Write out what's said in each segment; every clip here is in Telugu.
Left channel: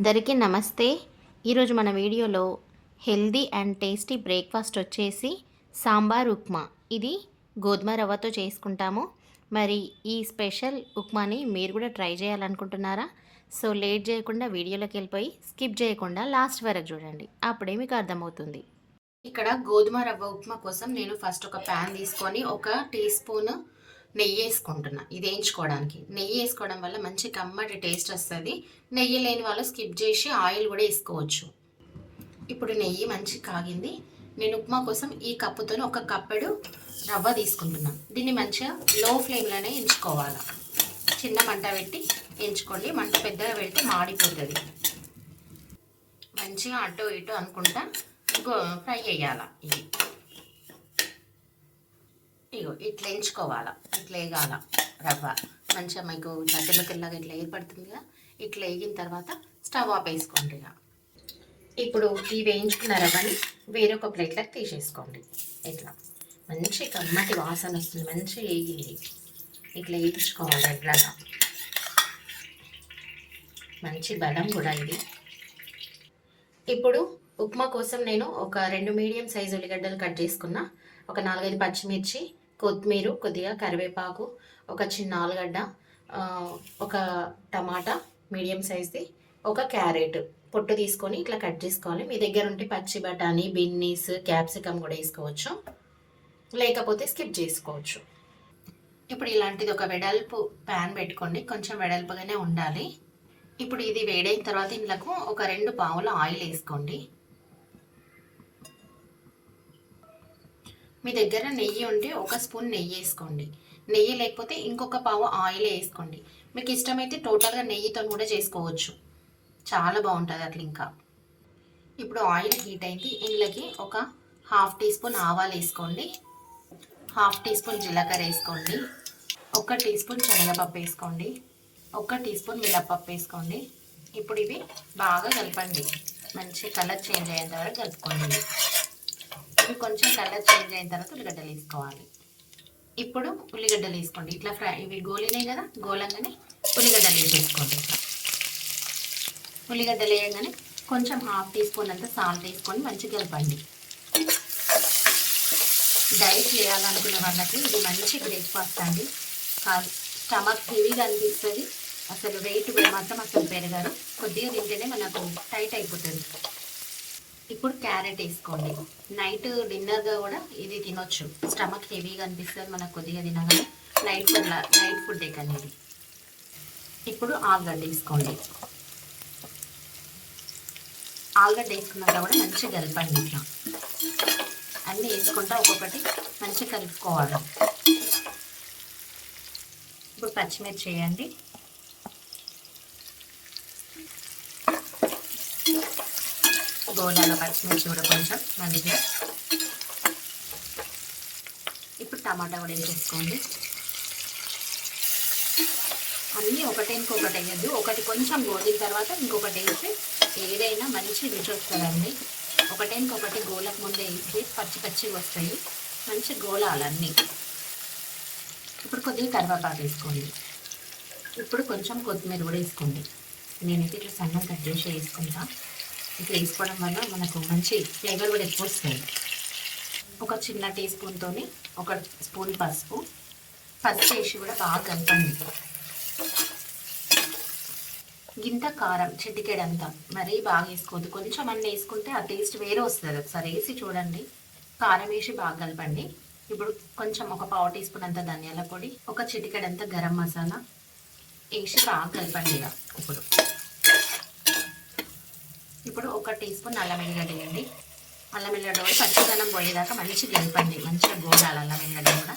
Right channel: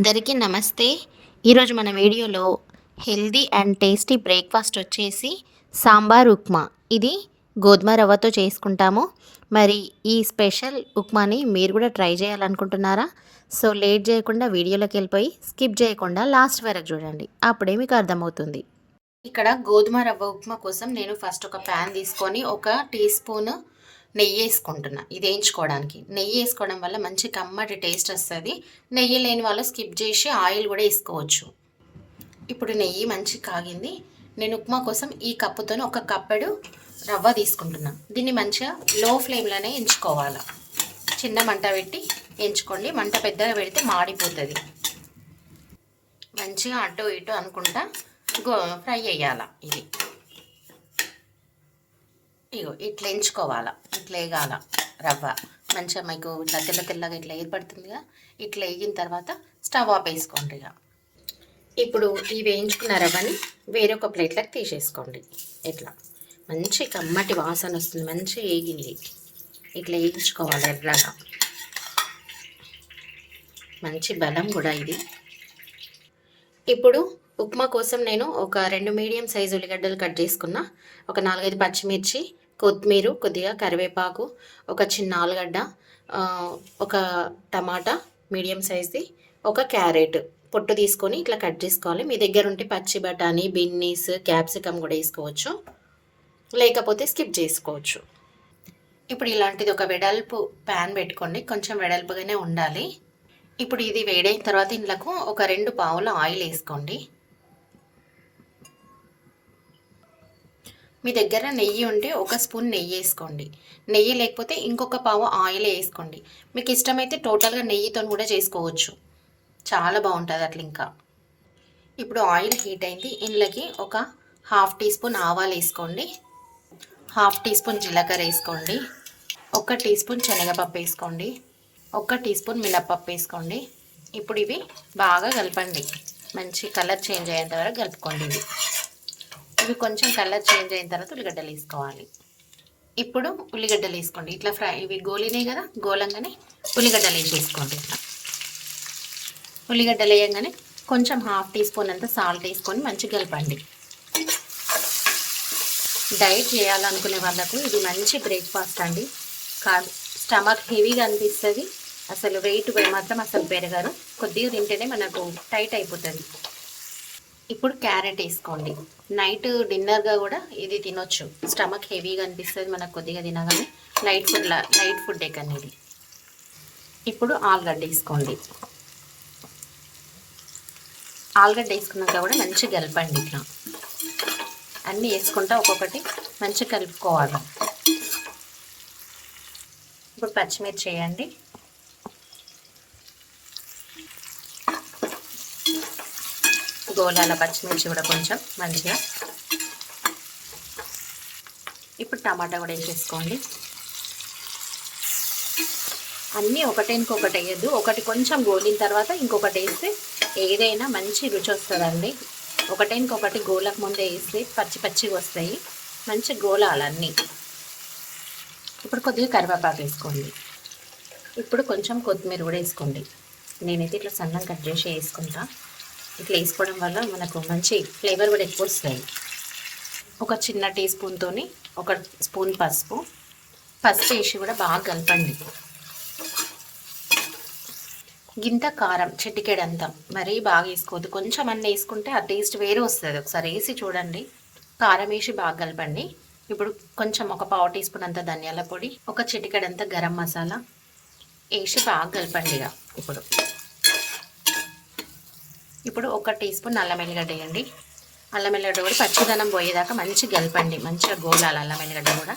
అందరికీ నమస్తే. ఈరోజు మన వీడియోలో హెల్దీ అండ్ టేస్టీ బ్రేక్ఫాస్ట్ వచ్చేసి సాంబార్ ఉప్మా. ఇది గోధుమ రవ్వతో చేసుకుంటాము. మరి ఈ స్పెషల్ ఉప్మాని మీరు కూడా ట్రై చేయాలనుకుంటున్నారా? సో లేట్ చేయకుండా వీడియోలోకి వెళ్ళిపోయి స్కిప్ చేయకుండా లాస్ట్ వరకు చూడండి, అప్పుడే మీకు అర్థమవుతుంది. ఇక్కడ గోధుమ రవ్వ ఉప్మా కోసం నేను ఫస్ట్ ఒక ప్యాన్ తీసుకొని ఒక టీ స్పూన్ నెయ్యి వేసుకుంటున్నా. ఇది వేయించుకోవడానికి నెయ్యి వేసుకోవడం వల్ల మంచి కమ్మటి టేస్ట్ వస్తుంది. నెయ్యి లేని వాళ్ళు స్కిప్ చేసి ఆయిల్ కూడా వేసుకోవచ్చు. ఇప్పుడు నెయ్యి మంచి కాగింది. నేను ఉప్మా కోసం ఈ కప్పుతో ఒక కప్పెడు రవ్వ తీసుకుంటున్నా. దీన్ని మంచిగా లో ఫ్లేమ్లోనే ఎంచుకోవాలి. చిన్న మంట పెట్టి ఎంచుకోండి, మంట పెద్దగా పెడితే మాడిపోతుంది. మంచిగా అటు ఇటు అనుకుంటా ఫ్రై అయ్యాల. ఇది ఇగో ఇట్లా ఎంచుకోవాలా, ఇట్లా వేగాల. రవ్వ మంచిగా మీకు ఇట్లా తెల్ల తెల్లగా ఇట్లా ఏర్పడుతుందిగా. ఇట్లా వేగిన తర్వాత స్టవ్ ఆఫ్ వేసుకోండి. ఇప్పుడు ఈ వేయించుకున్న రవ్వని వేరొక ప్లేట్లోకి తీసేసుకోండి. ఇట్లా మంచి కమ్మటి వాసన వస్తుంది. మంచిగా వేగింది. ఇట్లా వేయించుకోవాలి ఎట్లాగా. మంచి బలం కూడా ఇది. ఇప్పుడు ఉప్మా కోసం నేను ఒక 2 మీడియం సైజు ఉల్లిగడ్డలు కట్ చేసుకున్నా. ఒక 4-5 పచ్చిమిర్చి, కొత్తిమీర, కొద్దిగా కరివేపాకు, ఒక చిన్న ఆలుగడ్డ, ఒక టమాటా మీడియం సైజ్ది, ఒక క్యారెట్ పొట్టు తీసుకొని ఇట్లా కట్ చేసుకోవాలి. మీ దగ్గర ఉంటే పచ్చి బఠానీ, బిన్నీస్, క్యాప్సికమ్ కూడా వేసుకోవచ్చు, లేకపోతే స్కిప్ చేసుకోవచ్చు. ఇప్పుడు ఇలాంటిది ఒక వెడల్పు ప్యాన్ పెట్టుకోండి. కొంచెం వెడల్పుగానే ఉండాలి. ఇప్పుడు ఇది వేడైన తర్వాత ఇందులోకి ఒక 2 పావుల ఆయిల్ వేసుకోండి. మీ దగ్గర నెయ్యి ఉంటే ఒక స్పూన్ నెయ్యి వేసుకోండి. నెయ్యి లేకపోతే ఇంకొక పావు ఆయిల్ వేసుకోండి. మీకు ఇష్టమైతే టోటల్గా నెయ్యితో కూడా చేసుకోవచ్చు, చాలా బాగుంటుంది అట్లా. ఇంకా ఇప్పుడు ఆయిల్ హీట్ అయింది. ఇందులోకి ఒక 1/2 టీ స్పూన్ ఆవాలు వేసుకోండి, 1/2 టీ స్పూన్ జీలకర్ర వేసుకోండి, 1 టీ స్పూన్ శనగపప్పు వేసుకోండి, 1 టీ స్పూన్ మినప్పప్పు వేసుకోండి. ఇప్పుడు ఇవి బాగా కలపండి. మంచి కలర్ చేంజ్ అయ్యేంత వరకు కలుపుకోండి. ఇవి కొంచెం కలర్ చేంజ్ అయిన తర్వాత ఉల్లిగడ్డలు వేసుకోవాలి. ఇప్పుడు ఉల్లిగడ్డలు వేసుకోండి. ఇట్లా ఫ్రై, ఇవి గోలినాయి కదా, గోలంగానే ఉల్లిగడ్డలు వేసేసుకోండి. ఇట్లా ఉల్లిగడ్డలు వేయగానే కొంచెం 1/2 టీ స్పూన్ అంతా సాల్ట్ వేసుకొని మంచిగా కలపండి. డైట్ చేయాలనుకునే వాళ్ళకు ఇది మంచి బ్రేక్ఫాస్ట్ అండి. స్టమక్ హెవీగా అనిపిస్తుంది, అసలు వెయిట్ మాత్రం అసలు పెరగరు. కొద్దిగా తింటేనే మనకు టైట్ అయిపోతుంది. ఇప్పుడు క్యారెట్ వేసుకోండి. నైట్ డిన్నర్గా కూడా ఇది తినొచ్చు. స్టమక్ హెవీగా అనిపిస్తుంది మనకు కొద్దిగా తినగానే. లైట్ ఫుడ్ కానీ ఇది. ఇప్పుడు ఆలుగడ్డ వేసుకోండి. ఆలుగడ్డ వేసుకున్నాక కూడా మంచిగా కలపండి. ఇట్లా అన్నీ వేసుకుంటా ఒక్కొక్కటి మంచిగా కలుపుకోవాలి. ఇప్పుడు పచ్చిమిర్చి వేయండి. గోలాల పచ్చిమిర్చి కూడా కొంచెం మంచిగా. ఇప్పుడు టమాటా కూడా వేసేసుకోండి. అన్నీ ఒకటి వేయద్దు, ఒకటి కొంచెం గోలిన తర్వాత ఇంకొకటి వేస్తే ఏదైనా మంచి రుచి వస్తుందండి. ఒకటి గోలకు ముందే వేస్తే పచ్చిగా వస్తాయి. మంచి గోలాలన్నీ. ఇప్పుడు కొద్దిగా కరివేపాకు వేసుకోండి. ఇప్పుడు కొంచెం కొత్తిమీర కూడా వేసుకోండి. నేనైతే ఇట్లా సన్నం కట్ చేసి వేసుకుంటా. ఇట్లా వేసుకోవడం వల్ల మనకు మంచి ఫ్లేవర్ కూడా ఎక్కువ వస్తుంది. ఒక చిన్న టీ స్పూన్తో 1 స్పూన్ పసుపు వేసి కూడా బాగా కలపండి. గింత కారం చిటికెడంతా, మరీ బాగా వేసుకోవద్దు. కొంచెం అన్నీ వేసుకుంటే ఆ టేస్ట్ వేరే వస్తుంది. ఒకసారి వేసి చూడండి. కారం వేసి బాగా కలపండి. ఇప్పుడు కొంచెం ఒక 1/4 టీ స్పూన్ అంత ధనియాల పొడి, ఒక చిటికెడంతా గరం మసాలా వేసి బాగా కలపండి. ఇప్పుడు 1 టీ స్పూన్ అల్లం వెల్లిగడ్డ వేయండి. అల్లం వెల్లిగడ్డ కూడా పచ్చిదనం పోయేదాకా మంచిగా కలపండి. మంచిగా గోలాలి అల్లం వెల్లిగడ్డ కూడా.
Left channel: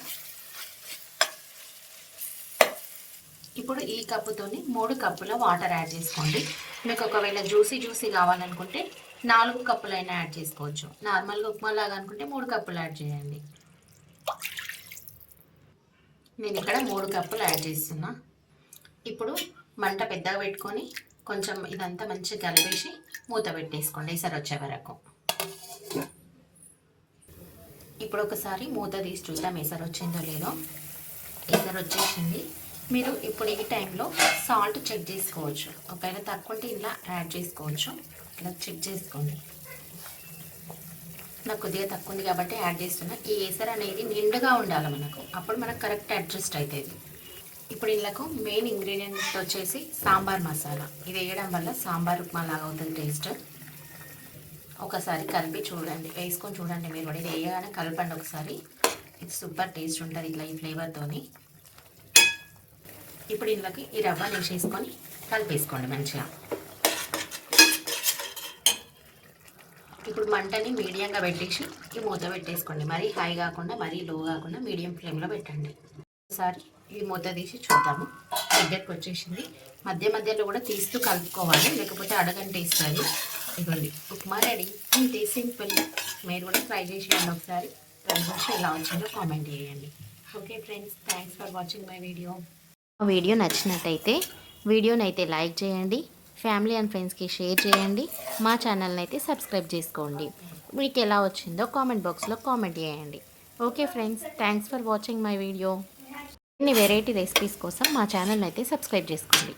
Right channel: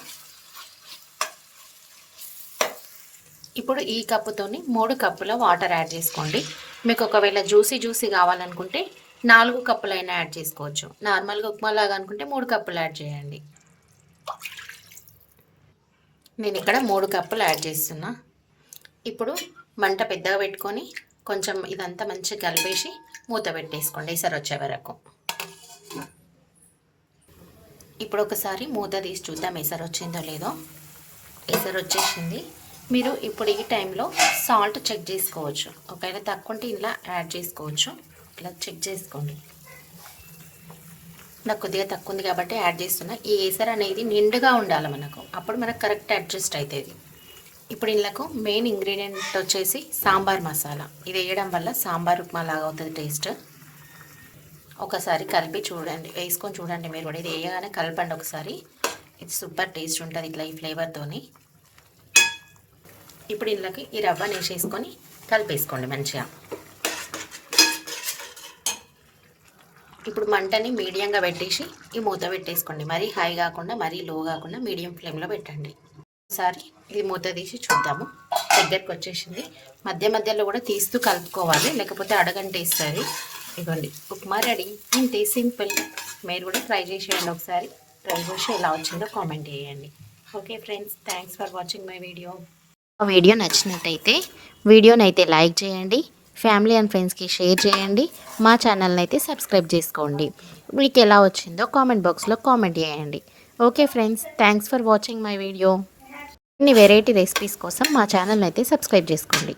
ఇప్పుడు ఈ కప్పుతోని 3 కప్పుల వాటర్ యాడ్ చేసుకోండి. మీకు ఒకవేళ జ్యూసీ కావాలనుకుంటే 4 కప్పులైనా యాడ్ చేసుకోవచ్చు. నార్మల్గా ఉప్మా లాగా అనుకుంటే 3 కప్పులు యాడ్ చేయండి. నేను ఇక్కడ 3 కప్పులు యాడ్ చేస్తున్నా. ఇప్పుడు మంట పెద్దగా పెట్టుకొని కొంచెం ఇదంతా మంచిగా కలిపేసి మూత పెట్టేసుకోండి ఎసరు వచ్చే వరకు. ఇప్పుడు ఒకసారి మూత తీసి చూద్దాం ఎసరు వచ్చిందో లేదో. ఎసరు వచ్చేసింది. మీరు ఇప్పుడు ఈ టైంలో సాల్ట్ చెక్ చేసుకోవచ్చు. ఒకవేళ తక్కువ ఉంటే ఇలా యాడ్ చేసుకోవచ్చు. ఇలా చెక్ చేసుకోండి. నాకు కొద్దిగా తక్కువ ఉంది కాబట్టి యాడ్ చేస్తున్నా. ఈ ఏసర్ అనేది నిండుగా ఉండాలి మనకు, అప్పుడు మనకు కరెక్ట్ అడ్జస్ట్ అవుతుంది. ఇప్పుడు ఇళ్ళకు మెయిన్ ఇంగ్రీడియంట్ వచ్చేసి సాంబార్ మసాలా. ఇది వేయడం వల్ల సాంబార్ ఉప్మా లాగా అవుతుంది టేస్ట్. ఒకసారి కలిపి చూడండి, వేసుకొని చూడండి మీరు కూడా. ఇది వేయగానే కలపండి ఒకసారి, ఇది సూపర్ టేస్ట్ ఉంటుంది ఇట్లా ఈ ఫ్లేవర్తోని. ఇప్పుడు ఇళ్ళకి ఈ రవ్వని వేసేసుకొని కలిపేసుకోండి మంచిగా. ఇప్పుడు మంటని మీడియంగా పెట్టేసి ఈ మూత పెట్టేసుకోండి. మరీ హై కాకుండా మరీ లో కాకుండా మీడియం ఫ్లేమ్లో పెట్టండి. ఒకసారి ఇది మూత తీసి చూద్దాము. దగ్గరకు వచ్చేసింది. మధ్య మధ్యలో కూడా తీస్తూ కలుపుకోవాలి, లేకపోతే అడగంటేస్తుంది. ఇదిగోండి, ఉప్మా రెడీ. ఇంతే, సింపుల్. మీరు కూడా ట్రై చేసేయండి ఒకసారి. ట్రై చేసి ఎలా వచ్చిందో కామెంట్ చేయండి. Okay friends, thanks for watching my video. Video నచ్చినట్టయితే వీడియోని అయితే లైక్ చేయండి, ఫ్యామిలీ అండ్ ఫ్రెండ్స్కి షేర్ చేయండి, మా ఛానల్ని అయితే సబ్స్క్రైబ్ చేసుకోండి. మీకు ఎలా వచ్చిందో కామెంట్ బాక్స్లో కామెంట్ చేయండి. Okay friends, thanks for watching my video. ఇన్ని వెరైటీ రెసిపీస్ కోసం మా ఛానల్ని అయితే సబ్స్క్రైబ్ చేసుకోండి.